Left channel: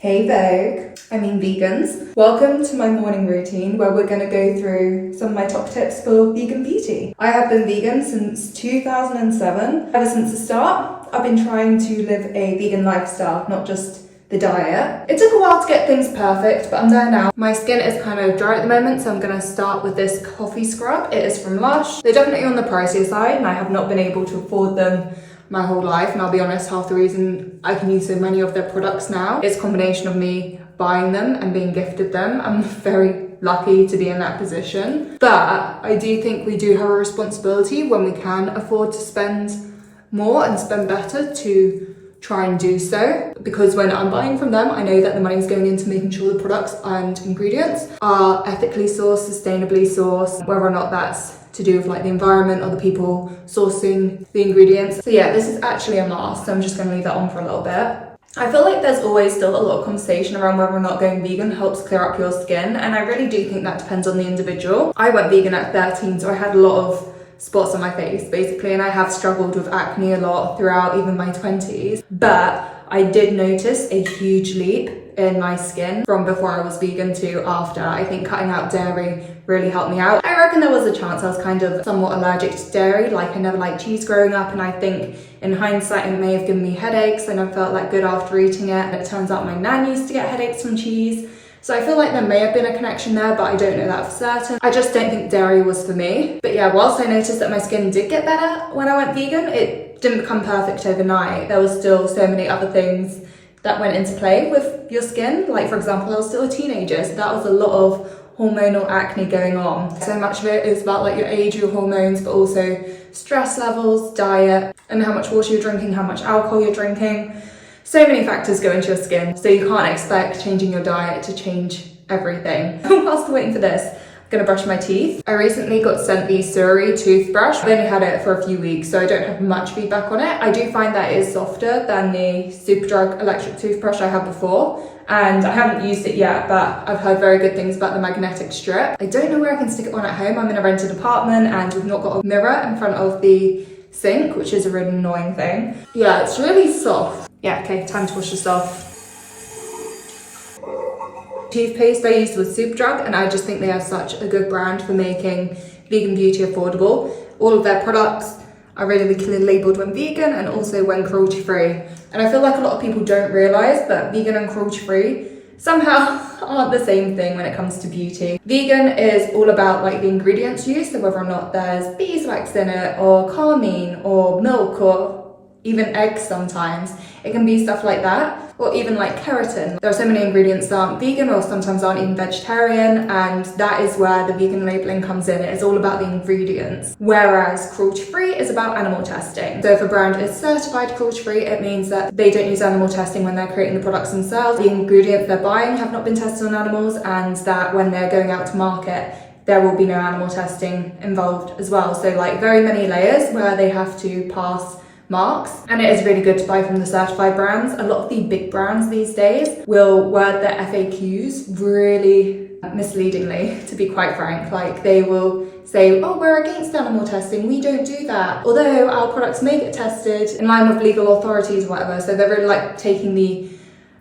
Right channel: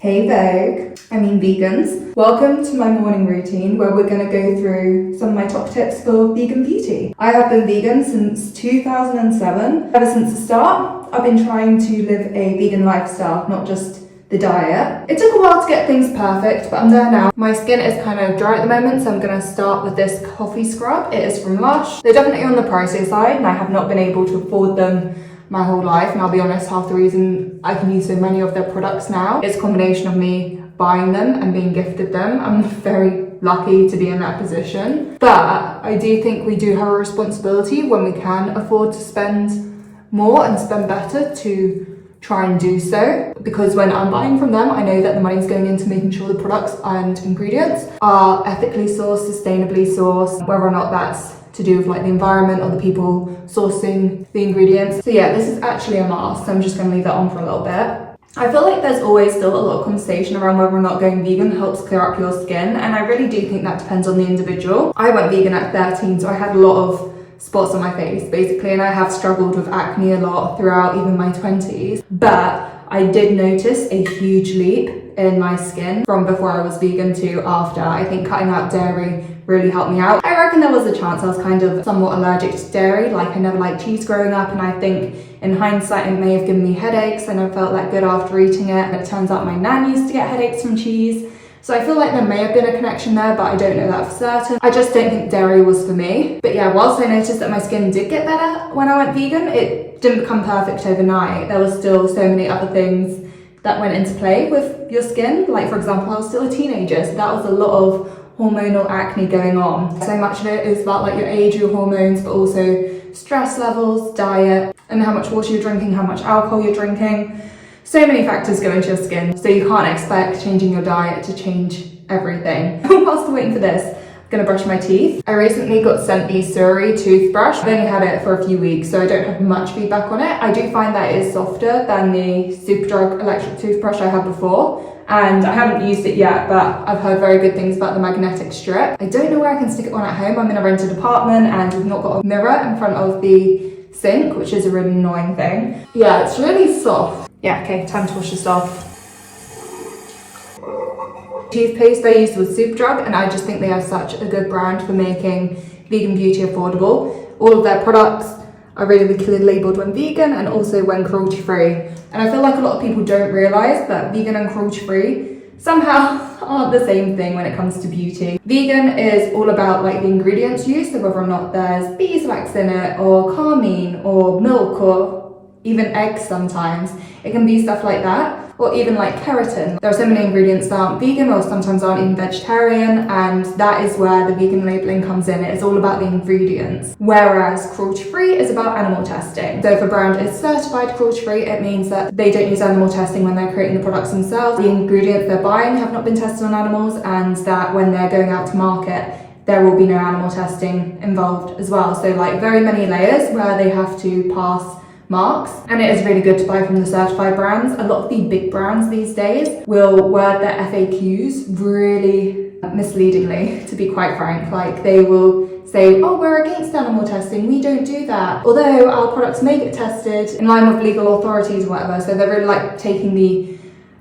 Hey Vogue, I mean vegans. Welcome to my morning routine where we're going to go through some of my top tips for vegan beauty. I have been vegan since 2007. Ever since the start, I've been trying to live a vegan lifestyle, not just the diet. It took a while to get things perfect, but I'm there now. My skin is kind of dry at the moment, so I'm going to start with this coffee scrub. It is from Lush. They're definitely on the pricey side, and I have not been able to afford them my whole life, and I'll be honest, half the reason I can use so many of their products now is a combination of me buying them and being gifted them. I'm very lucky to be in that position, but I do think we do have a responsibility when we can afford to spend more and spend better to try and do so, because when I'm buying from them, I know that the money's going into making sure the products and ingredients are ethically sourced, sustainably sourced, whether or not that's to do with like the environment or the people sourcing the ingredients. So yeah, this is actually a mask, so I'm just going to leave that on for a little bit. I feel like there's always still a lot of conversation around whether or not going vegan helps clear up your skin, and I really do think that depends on the individual. I went vegan at 13, so I had a lot of spots on my face basically, and I have struggled with acne a lot throughout even my 20s, but I did notice a huge leap in my skin from before I was vegan to after. I think cutting out dairy really helped me out. I reckon there was a chance I was kind of somewhat allergic to dairy, like I never liked cheese growing up, and I think in hindsight it may have given me headaches. I never felt that good after eating it, and it turns out my nan used to get headaches from cheese. So I feel like there may have been a connection there, but I don't know that for certain. I just don't think dairy was for me. But yeah, whilst I noticed that my skin did get better when I went vegan, it didn't become perfect overnight. There was still so many other things that went into play with your skin. Like for example, I was still a teenager, so that was a lot of hormonal acne going on. So much of it is about like your age, your hormones, but also stress levels, diet, and how much water you're drinking, how much alcohol you're drinking. So many factors go into your skin, so you can't expect changing your diet to change everything. Whilst I'm waiting for this, I'm gonna brush my teeth. I recently got sent the Surrey toothbrush. I've only had it for a few weeks, so I don't have much feedback on it. I do find that it is softer than the superdrug electric toothbrush I had before, and I haven't used it yet, but I've heard very good things about the magnetic strip. I don't know where I can stick it on at home. I'm in a rented apartment and we've not got a mirror in front of the sink, which is a really annoying thing. Yeah, it's really soft. Yeah, okay, time to wash this off. Toothpaste I used was Superdrug, and I just think they are such a good brand for making vegan beauty affordable. All of their products are really clearly labelled when vegan and also when cruelty-free. And I feel like a lot of people don't realise that vegan and cruelty-free somehow aren't the same thing when it comes to beauty. Vegan is all about like the ingredients used, so whether or not there's beeswax in it, or carmine, or milk, or even eggs sometimes. It can be stuff like that, or even like keratin. There are so many ingredients that aren't vegan or sometimes aren't even vegetarian, and that is where the vegan labeling comes in. It is all about the ingredients, whereas cruelty-free is about animal testing. So if a brand is certified cruelty-free, it means that they don't use animal testing when they're creating the products themselves. The ingredients they're buying have not been tested on animals, and that when they're going out to market, there will be no animal testing involved as well. So like very many layers where they have to pass marks, and it is really good to buy from the certified brands. A lot of the big brands these days will word their FAQs really misleadingly, to be quite frank. Like they will say, oh, we're against animal testing, we don't do that, although our products may get tested in line with legal authorities or whatever. So they're really like taking the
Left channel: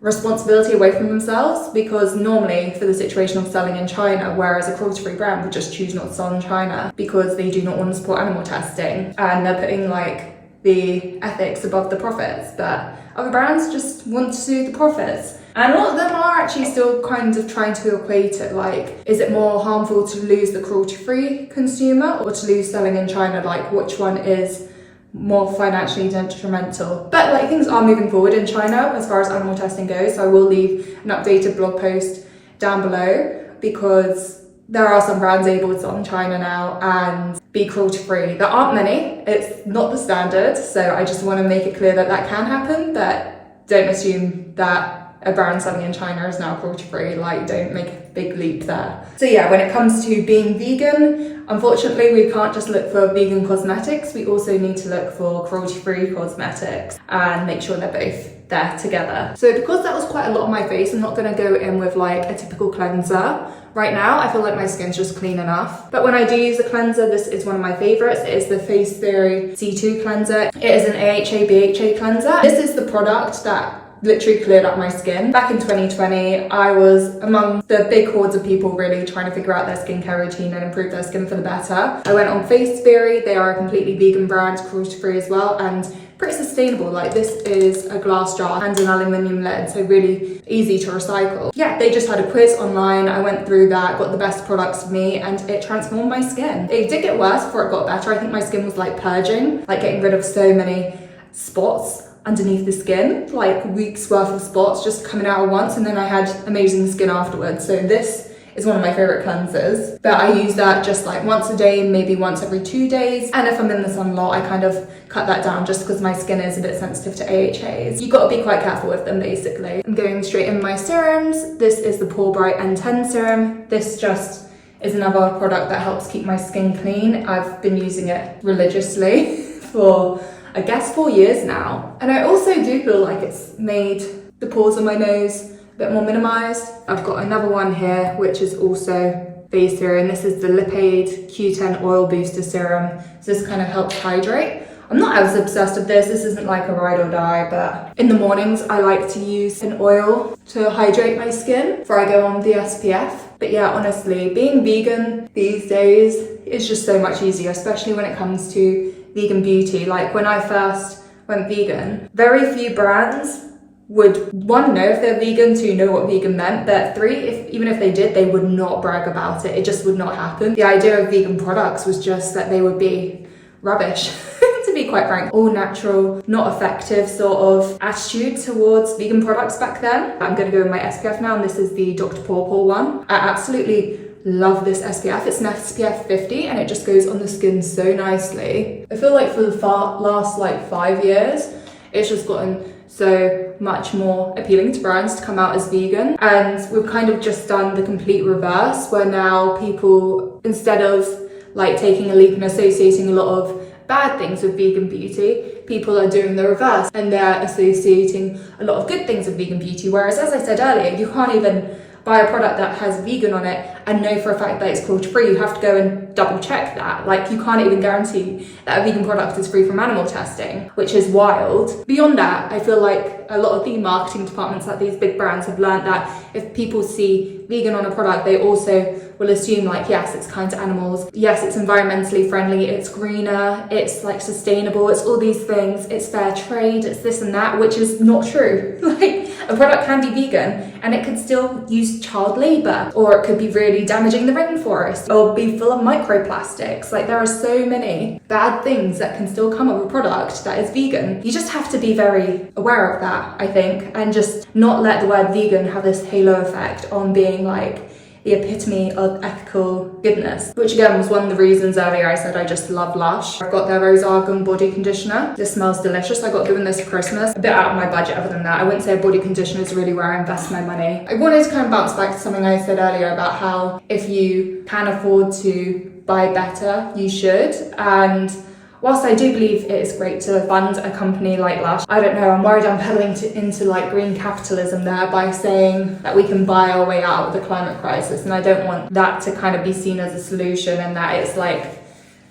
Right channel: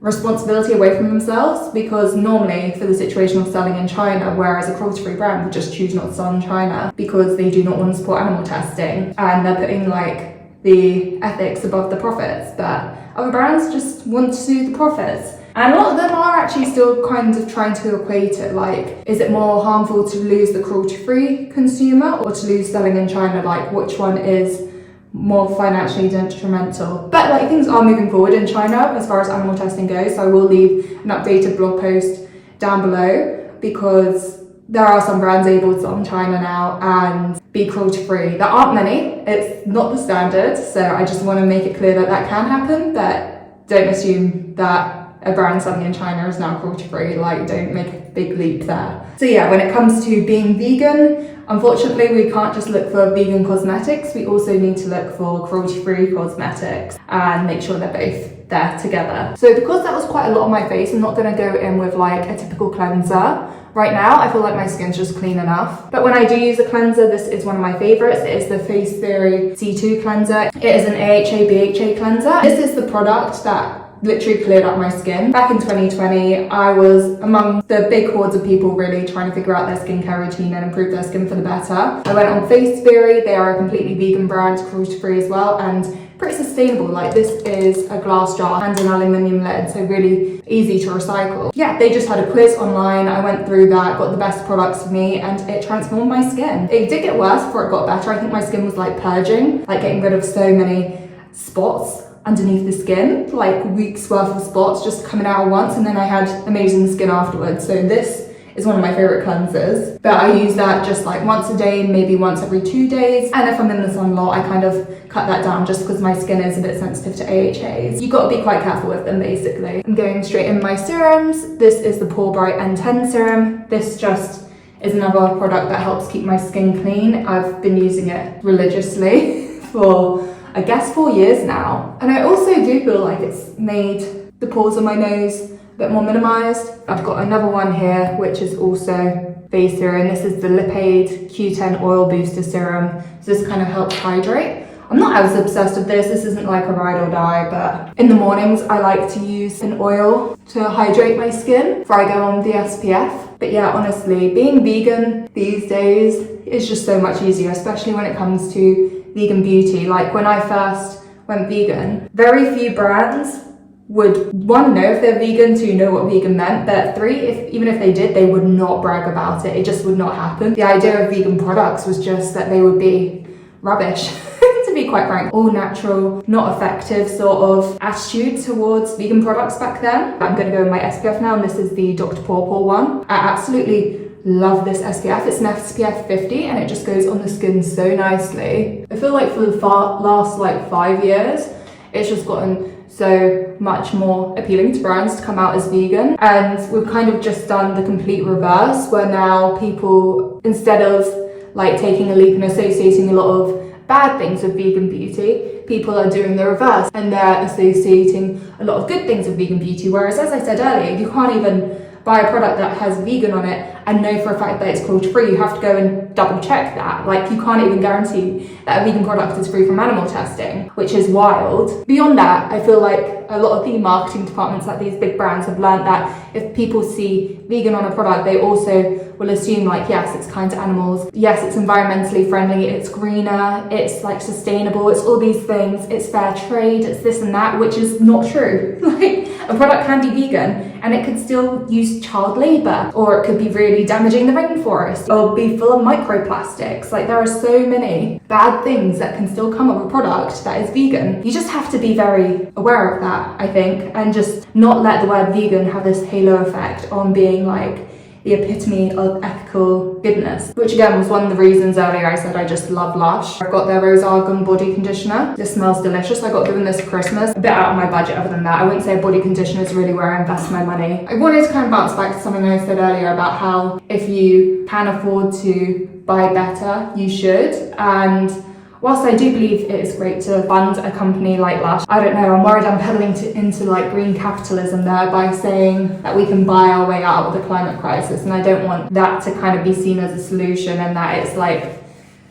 responsibility away from themselves, because normally for the situation of selling in China, whereas a cruelty-free brand would just choose not to sell in China because they do not want to support animal testing, and they're putting like the ethics above the profits, but other brands just want to do the profits. And a lot of them are actually still kind of trying to equate it, like, is it more harmful to lose the cruelty-free consumer or to lose selling in China? Like, which one is more financially detrimental? But like, things are moving forward in China as far as animal testing goes, so I will leave an updated blog post down below, because there are some brands able to sell in China now and be cruelty-free. There aren't many, it's not the standard, so I just want to make it clear that that can happen, but don't assume that a brand selling in China is now cruelty-free. Like, don't make a big leap there. So yeah, when it comes to being vegan, unfortunately we can't just look for vegan cosmetics, we also need to look for cruelty-free cosmetics and make sure they're both there together. So because that was quite a lot on my face, I'm not going to go in with like a typical cleanser. Right now, I feel like my skin's just clean enough. But when I do use a cleanser, this is one of my favorites. It is the Face Theory C2 cleanser. It is an AHA/BHA cleanser. This is the product that literally cleared up my skin. Back in 2020, I was among the big hordes of people really trying to figure out their skincare routine and improve their skin for the better. I went on Face Theory. They are a completely vegan brand, cruelty-free as well, and pretty sustainable. Like, this is a glass jar and an aluminium lid, so really easy to recycle. Yeah, they just had a quiz online. I went through that, got the best products for me, and it transformed my skin. It did get worse before it got better. I think my skin was like purging, like getting rid of so many spots underneath the skin, like weeks worth of spots just coming out at once, and then I had amazing skin afterwards. So this is one of my favorite cleansers, but I use that just like once a day, maybe once every 2 days. And if I'm in the sun a lot, I kind of cut that down just because my skin is a bit sensitive to AHAs. You've got to be quite careful with them, basically. I'm going straight in my serums. This is the Pore Bright N10 serum. This just is another product that helps keep my skin clean. I've been using it religiously for, I guess, 4 years now. And I also do feel like it's made the pores on my nose a bit more minimized. I've got another one here, which is also face serum. This is the Lipade Q10 Oil Booster Serum. So this kind of helps hydrate. I'm not as obsessed with this. This isn't like a ride or die, but in the mornings, I like to use an oil to hydrate my skin before I go on the SPF. But yeah, honestly, being vegan these days is just so much easier, especially when it comes to vegan beauty. Like, when I first went vegan, very few brands would, one, know if they're vegan, two, know what vegan meant, but three, even if they did, they would not brag about it. It just would not happen. The idea of vegan products was just that they would be rubbish, to be quite frank. All natural, not effective sort of attitude towards vegan products back then. I'm gonna go with my SPF now, and this is the Dr. Pawpaw one. I absolutely love this SPF. It's an SPF 50 and it just goes on the skin so nicely. I feel like for the last like 5 years, it's just gotten so much more appealing to brands to come out as vegan, and we've kind of just done the complete reverse, where now people, instead of like taking a leap and associating a lot of bad things with vegan beauty, people are doing the reverse and they're associating a lot of good things with vegan beauty. Whereas, as I said earlier, you can't even buy a product that has vegan on it and know for a fact that it's cruelty-free. You have to go and double check that. Like, you can't even guarantee that a vegan product is free from animal testing, which is wild. Beyond that, I feel like a lot of the marketing departments at these big brands have learned that if people see vegan on a product, they also will assume like, yes, it's kind to animals, yes, it's environmentally friendly, it's greener, it's like sustainable, it's all these things, it's fair trade, it's this and that, which is not true. Like, a product can be vegan and it could still use child labor, or it could be really damaging the rainforest, or be full of microplastics. Like, there are so many bad things that can still come of a product that is vegan. You just have to be very aware of that, I think, and just not let the word vegan have this halo effect on being like the epitome of ethical goodness, which again was one of the reasons earlier I said I just love Lush. I've got their Rose Argan body conditioner. This smells delicious. I got given this for Christmas. A bit out of my budget other than that. I wouldn't say a body conditioner is really where I invest my money. I wanted to kind of bounce back to something I said earlier about how if you can afford to buy better, you should. And whilst I do believe it is great to fund a company like Lush, I don't know, I'm worried I'm peddling into like green capitalism there by saying that we can buy our way out of the climate crisis, and I don't want that to kind of be seen as a solution, and that it's like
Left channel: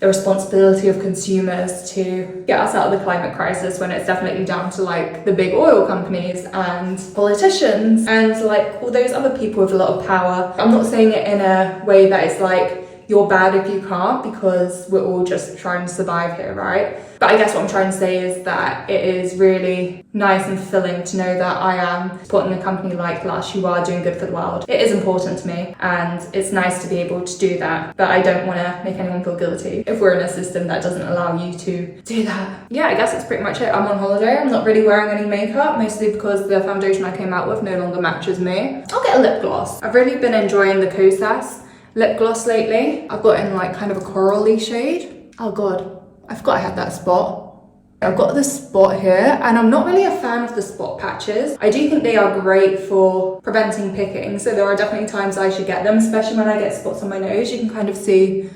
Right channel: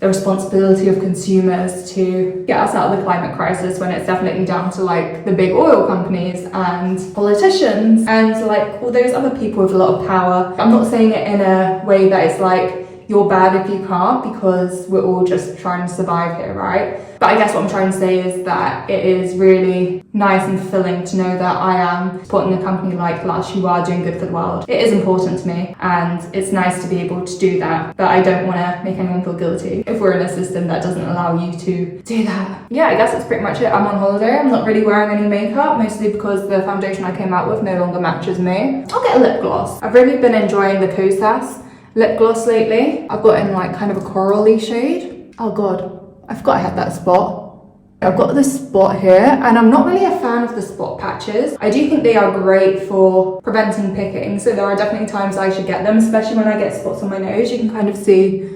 the responsibility of consumers to get us out of the climate crisis, when it's definitely down to like the big oil companies and politicians and like all those other people with a lot of power. I'm not saying it in a way that it's like you're bad if you can't, because we're all just trying to survive here, right? But I guess what I'm trying to say is that it is really nice and fulfilling to know that I am supporting a company like Lush who are doing good for the world. It is important to me, and it's nice to be able to do that, but I don't want to make anyone feel guilty if we're in a system that doesn't allow you to do that. Yeah, I guess that's pretty much it. I'm on holiday. I'm not really wearing any makeup, mostly because the foundation I came out with no longer matches me. I'll get a lip gloss. I've really been enjoying the Kosas lip gloss lately. I've got in like kind of a corally shade. Oh god, I forgot I had that spot. I've got this spot here, and I'm not really a fan of the spot patches. I do think they are great for preventing picking, so there are definitely times I should get them, especially when I get spots on my nose. You can kind of see,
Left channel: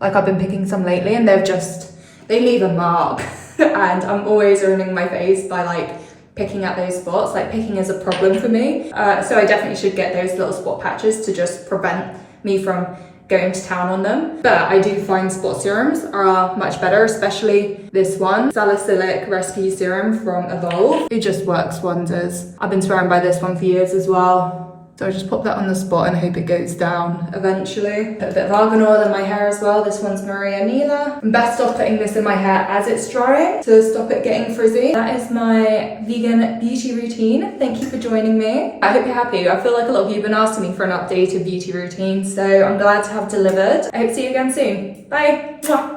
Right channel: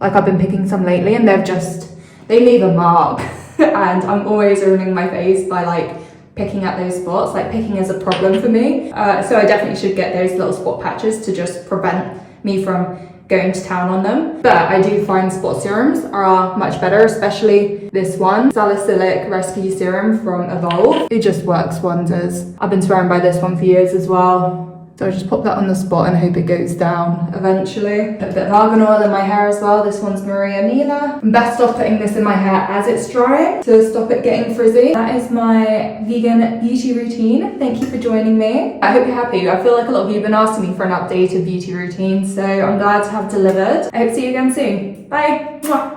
like, I've been picking some lately and they leave a mark. And I'm always ruining my face by like picking at those spots. Like, picking is a problem for me. So I definitely should get those little spot patches to just prevent me from going to town on them. But I do find spot serums are much better, especially this one, Salicylic Rescue Serum from Vogue. It just works wonders. I've been swearing by this one for years as well. So I just pop that on the spot and hope it goes down eventually. Put a bit of argan oil in my hair as well. This one's Maria Nila. I'm best off putting this in my hair as it's drying to stop it getting frizzy. That is my vegan beauty routine. Thank you for joining me. I hope you're happy. I feel like a lot of you have been asking me for an updated beauty routine, so I'm glad to have delivered. I hope to see you again soon. Bye. Mwah.